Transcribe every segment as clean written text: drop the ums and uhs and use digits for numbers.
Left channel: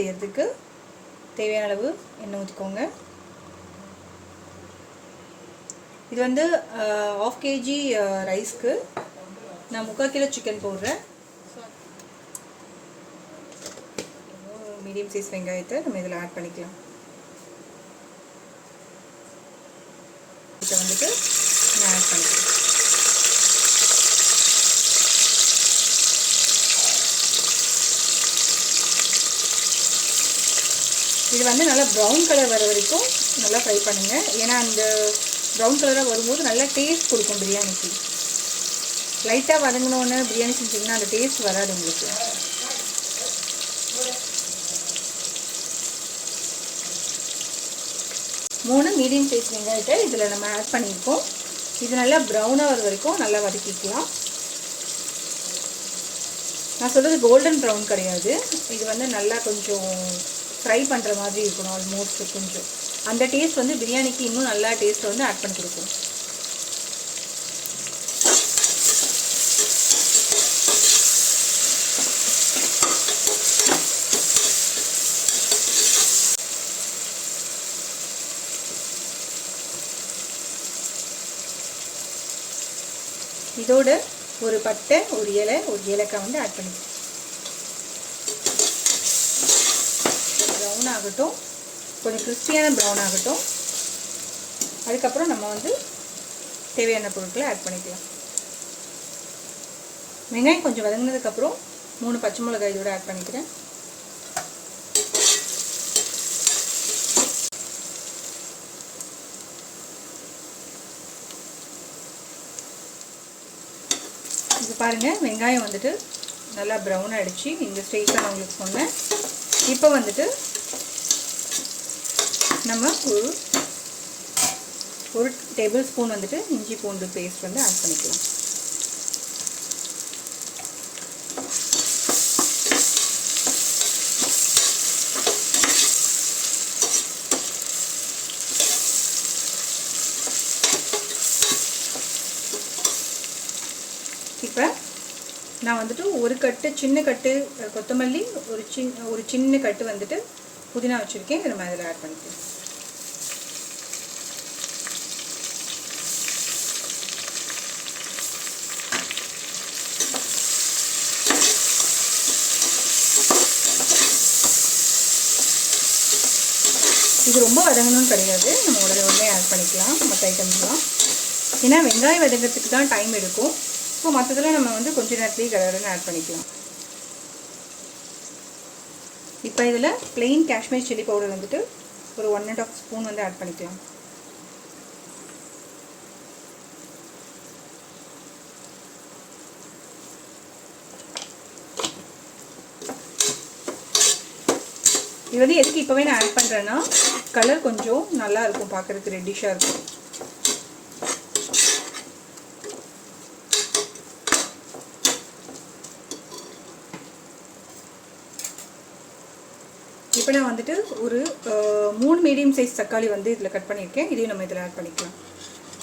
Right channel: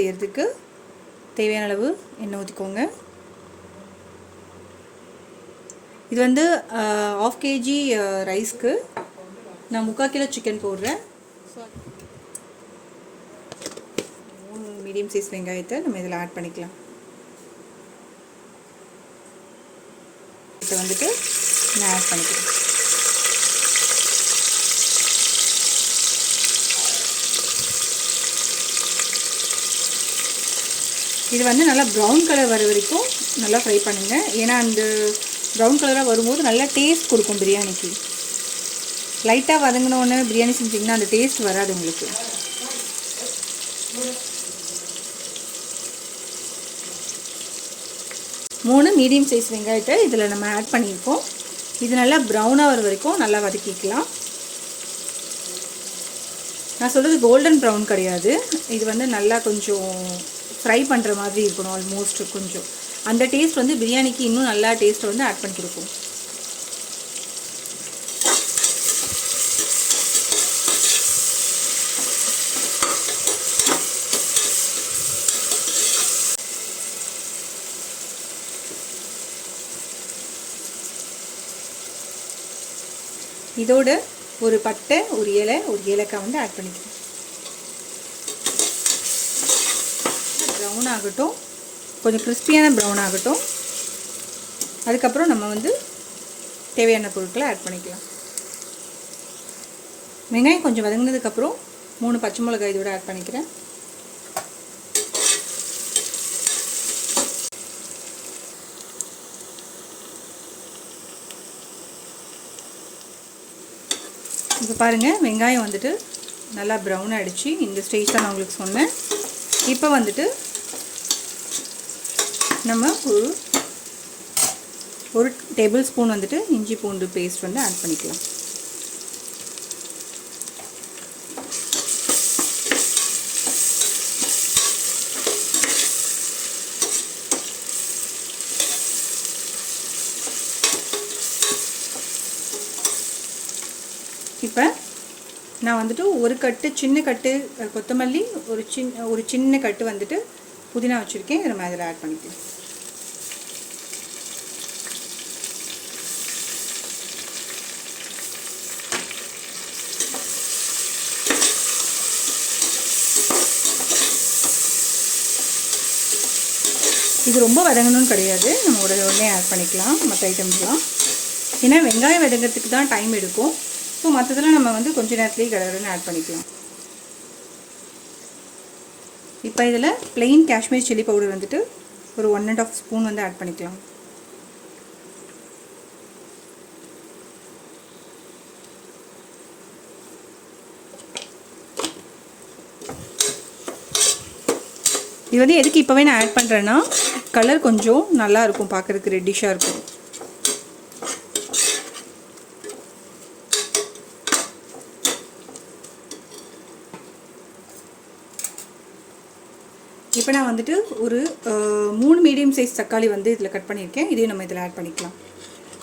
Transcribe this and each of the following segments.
செய்கிறதுக்கு தேவையான அளவு எண்ணெய் ஊற்றிக்கோங்க. இது வந்து 1/2 kg ரைஸ்க்கு நான் 3/4 கிலோ சிக்கன் போடுறேன். 3 மீடியம் சைஸ் வெங்காயத்தை நம்ம இதில் ஆட் பண்ணிக்கலாம். இதை வந்துட்டு நான் ஆட் பண்ணிக்கிறேன். இது வந்து நல்லா ப்ரௌன் கலர் வர வரைக்கும் நல்லா ஃப்ரை பண்ணுங்கள். ஏன்னா அந்த ப்ரௌன் கலராக வரும்போது நல்லா டேஸ்ட் கொடுக்கும் பிரியாணிக்கு. லைட்டாக வதங்கினோன்னு பிரியாணி செஞ்சிங்கன்னா அந்த டேஸ்ட் வராது உங்களுக்கு. மூணு மீடியம் சைஸ் வெங்காயத்தை இதில் நம்ம ஆட் பண்ணியிருக்கோம். இது நல்லா ப்ரௌனாக வர வரைக்கும் நல்லா வதக்கிக்கலாம். நான் சொல்கிறது கோல்டன் ப்ரௌன் கிடையாது, இது வந்து நல்லா கொஞ்சம் ஃப்ரை பண்ணுற மாதிரி இருக்கணும். ஆல்மோஸ்ட் கொஞ்சம் அந்த டேஸ்ட் வந்து பிரியாணிக்கு இன்னும் நல்லா டேஸ்ட் வந்து ஆட் பண்ணி கொடுக்கும். இதோட ஒரு பட்டை, ஒரு இலை, ஒரு ஏலக்காய் வந்து ஆட் பண்ணிக்கலாம். ப்ரௌன் ஆகட்டும், கொஞ்சம் கிறிஸ்பியான ப்ரௌன் ஆகட்டும். அதுக்கப்புறம் நம்ம வந்து தேவையான பொருட்களை ஆட் பண்ணிக்கலாம். வெங்காயம் கொஞ்சம் வதங்கினதுக்கப்புறம் 3 பச்சை மிளகாய் இதோட ஆட் பண்ணிக்கிறேன். இப்போ பாருங்கள், வெங்காயம் வந்துட்டு நல்லா ப்ரௌன் ஆகிடுச்சு. இந்த ஸ்டேஜ் தான் நான் உங்களுக்கு சொன்னேன். இப்போ வந்துட்டு நம்ம ஒரு டேபிள் ஸ்பூன் வந்துட்டு இஞ்சி பூண்டு பேஸ்ட் வந்து ஆட் பண்ணிக்கலாம். இப்போ நான் வந்துட்டு ஒரு கட்டு சின்ன கட்டு கொத்தமல்லி, ஒரு சின்ன கட்டு வந்துட்டு புதினா வச்சுருக்கேன். இதை நம்ம இதில் ஆட் பண்ணிக்கலாம். இது ரொம்ப வதங்கணும்னு கிடையாது, நம்ம உடனே ஆட் பண்ணிக்கலாம் மற்ற ஐட்டம்ஸ்லாம். ஏன்னா வெங்காயம் வதங்கிறதுக்கு தான் டைம் எடுக்கும். ஸோ மற்றதெல்லாம் நம்ம வந்து கொஞ்சம் நேரத்துலேயே கடகடன்னு ஆட் பண்ணிக்கலாம். இப்போ இதில் plain காஷ்மீர் சில்லி பவுடர் வந்துட்டு ஒரு 1½ ஸ்பூன் வந்து ஆட் பண்ணிக்கலாம். இது வந்து எதுக்கு இப்போவே நான் ஆட் பண்ணுறேன்னா, கலர் கொஞ்சம் நல்லா இருக்கும், பார்க்குறதுக்கு ரெட்டிஷாக இருக்கும். இப்போ நான் வந்துட்டு ஒரு 3 மீடியம் சைஸ் தக்காளி வந்து இதில் கட் பண்ணியிருக்கேன். இதையும் நம்ம இதில் ஆட் பண்ணிக்கலாம்.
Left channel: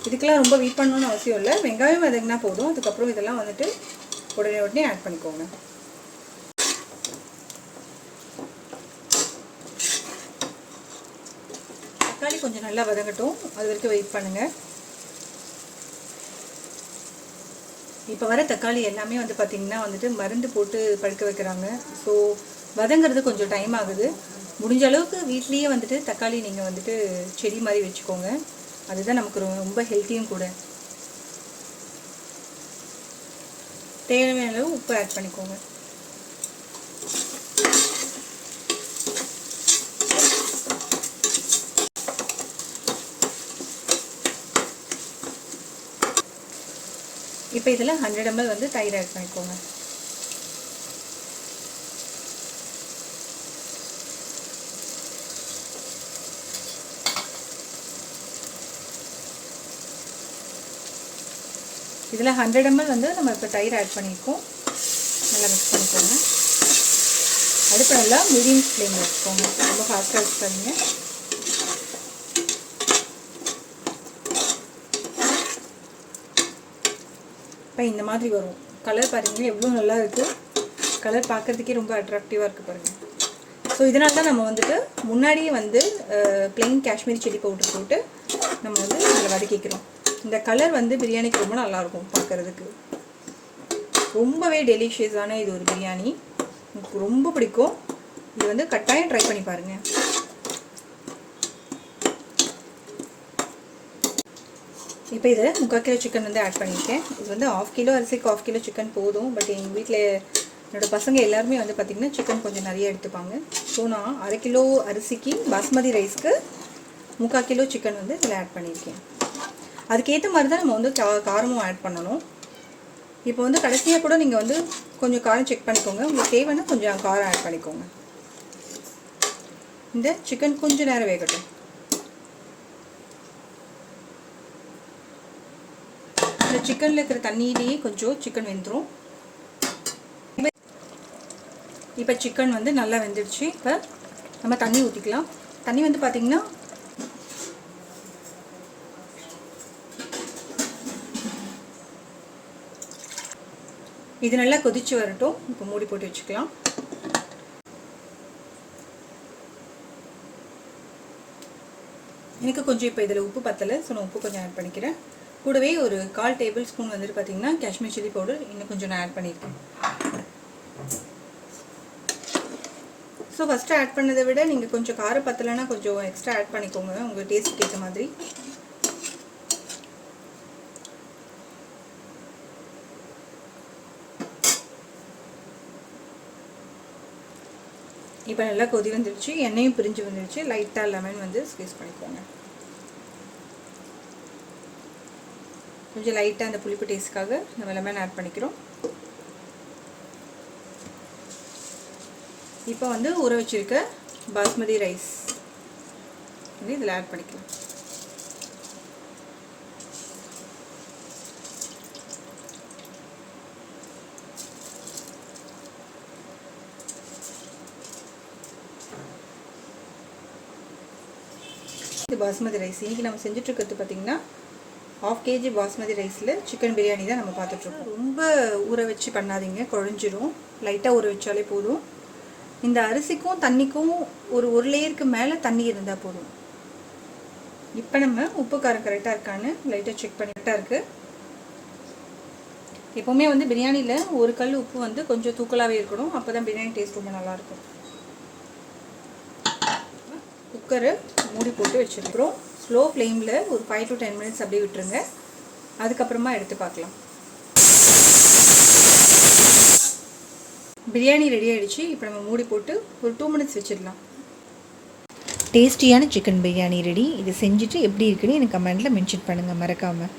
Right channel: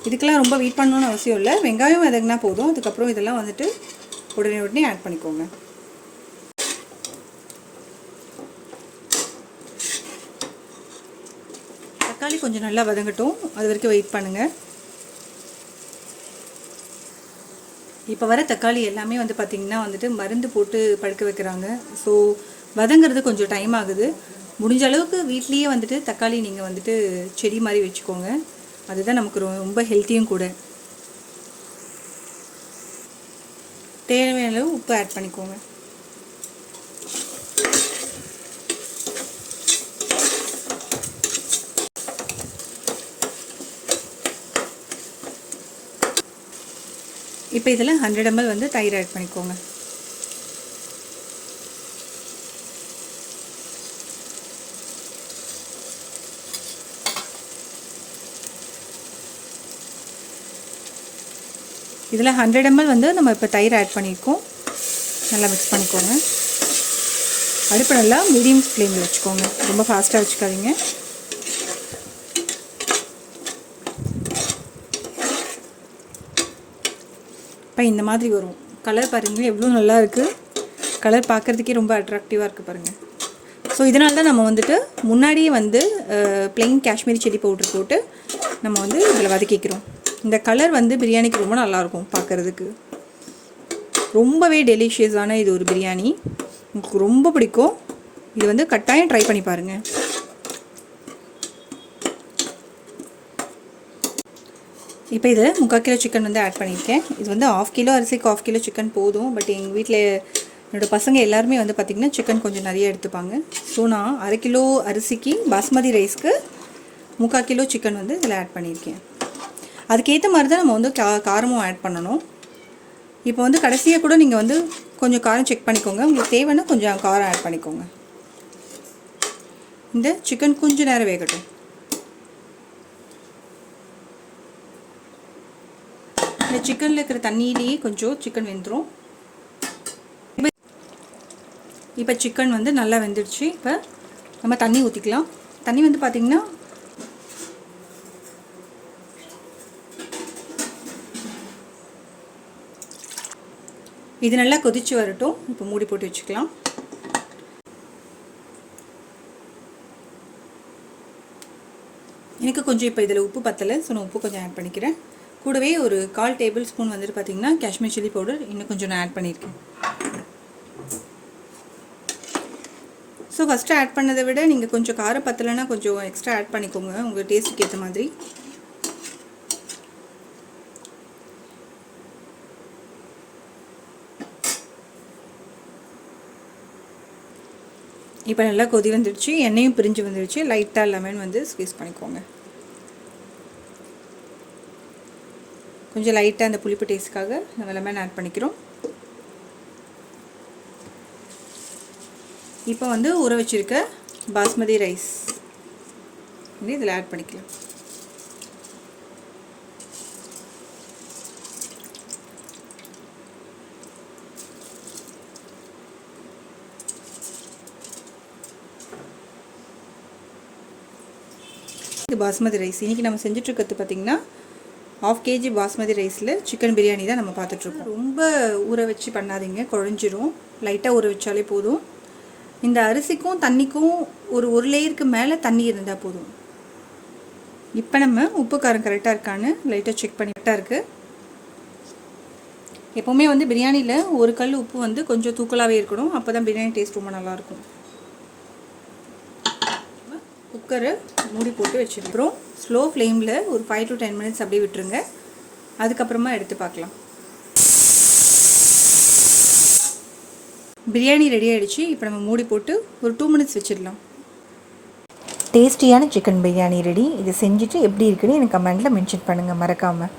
இதுக்கெல்லாம் ரொம்ப வெயிட் பண்ணணும்னு அவசியம் இல்லை, வெங்காயம் வதங்கினா போதும். அதுக்கப்புறம் இதெல்லாம் வந்துட்டு உடனே ஆட் பண்ணிக்கோங்க. தக்காளி கொஞ்சம் நல்லா வதங்கட்டும், அது வரைக்கும் வெயிட் பண்ணுங்கள். இப்போ வர தக்காளி எல்லாமே வந்து பார்த்திங்கன்னா வந்துட்டு மருந்து போட்டு பழுக்க வைக்கிறாங்க. ஸோ வதங்கிறது கொஞ்சம் டைம் ஆகுது. முடிஞ்ச அளவுக்கு வீட்லேயே வந்துட்டு தக்காளி நீங்கள் வந்துட்டு செடி மாதிரி வச்சுக்கோங்க. அதுதான் நமக்கு ரொம்ப ஹெல்த்தியும் கூட. தேவையான அளவு உப்பு ஆட் பண்ணிக்கோங்க. இப்போ இதில் 100 ml வந்து தயிர் ஆட் பண்ணிக்கோங்க. இதில் 100 ml வந்து நம்ம இப்போ தயிர் ஆட் பண்ணியிருக்கோம். நல்லா மிக்ஸ் பண்ணிக்கோங்க. அடுப்பு நல்லா மீடியம் ஃப்ளேமில் வச்சுக்கோங்க, ரொம்ப ஃபாஸ்ட்டாக வச்சுக்காதீங்க. இப்போ இந்த மாதிரி வரும். கலர் பாருங்கள் எவ்வளோ நல்லா இருக்குது. கலர் பார்க்குறதுக்கே ரொம்ப அட்ராக்டிவாக இருக்குது பாருங்கள். ஸோ இதனால தான் நம்ம வந்துட்டு முன்னாடியே வந்து ப்ளெயின் காஷ்மீரி சில்லி பவுடர் போட்டு நம்ம வந்து இதில் வதக்கிக்கிறோம். இந்த கலர் வந்து பிரியாணிக்கு ரொம்ப நல்லாயிருக்கும் பார்க்குறதுக்கு. ரொம்பவே டெலிஷியஸான இது ஒரு பிரியாணி, எனக்கு ரொம்ப பிடிக்கும். இது வந்து கட்டாயம் ட்ரை பண்ணி பாருங்கள். இப்போ இதில் 3/4 கிலோ சிக்கன் வந்து ஆட் பண்ணியிருக்கேன். இது வந்து 1/2 கிலோ அரிசிக்கு 1/2 கிலோ சிக்கன் போதும். பட் எங்கள் வீட்டில் என்னோடய பசங்க எல்லாருமே வந்து பார்த்திங்கன்னா சிக்கன் கொஞ்சம் நிறைய எடுத்துப்பாங்க. ஸோ நான் 1/2 கிலோ அரிசிக்கு பாஸ்மதி ரைஸ்க்கு 3/4 கிலோ சிக்கன் வந்து இதில் ஆட் பண்ணியிருக்கேன். அதுக்கேற்ற மாதிரி தான் நம்ம வந்து காரமும் ஆட் பண்ணணும். இப்போ வந்து கடைசியாக கூட நீங்கள் வந்து கொஞ்சம் காரம் செக் பண்ணிக்கோங்க. உங்களுக்கு தேவைன்னா கொஞ்சம் காரம் ஆட் பண்ணிக்கோங்க. இந்த சிக்கன் கொஞ்சம் நேரம் வேகட்டும். இந்த சிக்கனில் இருக்கிற தண்ணியிலேயே கொஞ்சம் சிக்கன் வெந்துடும். இப்போ சிக்கன் வந்து நல்லா வெந்துடுச்சு. இப்போ நம்ம தண்ணி ஊற்றிக்கலாம். தண்ணி வந்து பார்த்திங்கன்னா இது நல்லா கொதிச்சு வரட்டும். இப்போ மூடி போட்டு வச்சுக்கலாம். எனக்கு கொஞ்சம் இப்போ இதில் உப்பு பத்தலை. ஸோ நான் உப்பு கொஞ்சம் ஆட் பண்ணிக்கிறேன். கூடவே ஒரு 1/4 டேபிள் ஸ்பூன் வந்துட்டு பார்த்திங்கன்னா காஷ்மீர் சில்லி பவுடர் இன்னும் கொஞ்சம் நான் ஆட் பண்ணியிருக்கேன். ஸோ ஃபஸ்ட்டு ஆட் பண்ணதை விட நீங்கள் கொஞ்சம் காரம் பத்தலைன்னா கொஞ்சம் எக்ஸ்ட்ரா ஆட் பண்ணிக்கோங்க உங்கள் டேஸ்ட்டுக்கு ஏற்ற மாதிரி. இப்போ நல்லா கொதி வந்துடுச்சு, எண்ணெயும் பிரிஞ்சு வந்துடுச்சு. லைட்டாக லெமன் வந்து ஸ்க்வீஸ் பண்ணிக்கோங்க. கொஞ்சம் லைட்டாக அந்த புளிப்பு டேஸ்ட்டுக்காக நம்ம லெமன் ஆட் பண்ணிக்கிறோம். இப்போ வந்து ஊற வச்சுருக்க பாஸ்மதி ரைஸ் வந்து இதில் ஆட் பண்ணிக்கலாம். இது பாஸ்மதி ரைஸ். இன்றைக்கி நம்ம செஞ்சுட்ருக்கிறது பார்த்திங்கன்னா 1/2 kg பாஸ்மதி ரைஸில் சிக்கன் பிரியாணி தான் நம்ம பார்த்துட்ருக்கோம். ரொம்ப ஊற வச்சு பண்ணாதீங்க, குழஞ்சிரும். லைட்டாக ஊற வச்சாலே போதும். இந்த அரிசிக்கும் தண்ணிக்கும் ஒரு லேயருக்கு மேலே தண்ணி இருந்தால் போதும். இப்போ நம்ம உப்பு காரம் கரெக்டாக இருக்கான்னு லைட்டாக செக் பண்ணிட்டா இருக்குது. எப்போவுமே வந்து பிரியாணியில் ஒரு கல் உப்பு வந்து கொஞ்சம் தூக்கலாகவே இருக்கணும். அப்போ தான் பிரியாணி டேஸ்ட் ரொம்ப நல்லாயிருக்கும். குக்கரை மூடி போட்டு வச்சுருக்கிறோம். ஸ்லோ ஃப்ளேமில் ஒரு 5 to 10 minutes அப்படியே விட்டுருங்க. அதுக்கப்புறமா எடுத்து பார்க்கலாம். பிரியாணி ரெடி ஆகிடுச்சு. இப்போ நம்ம மூடி போட்டு ஒரு 2 minutes வச்சிடலாம். டேஸ்டியான சிக்கன் பிரியாணி ரெடி. இதை செஞ்சுட்டு எப்படி இருக்குன்னு எனக்கு கமெண்ட்டில் மென்ஷன் பண்ணுங்கள் மறக்காமல்.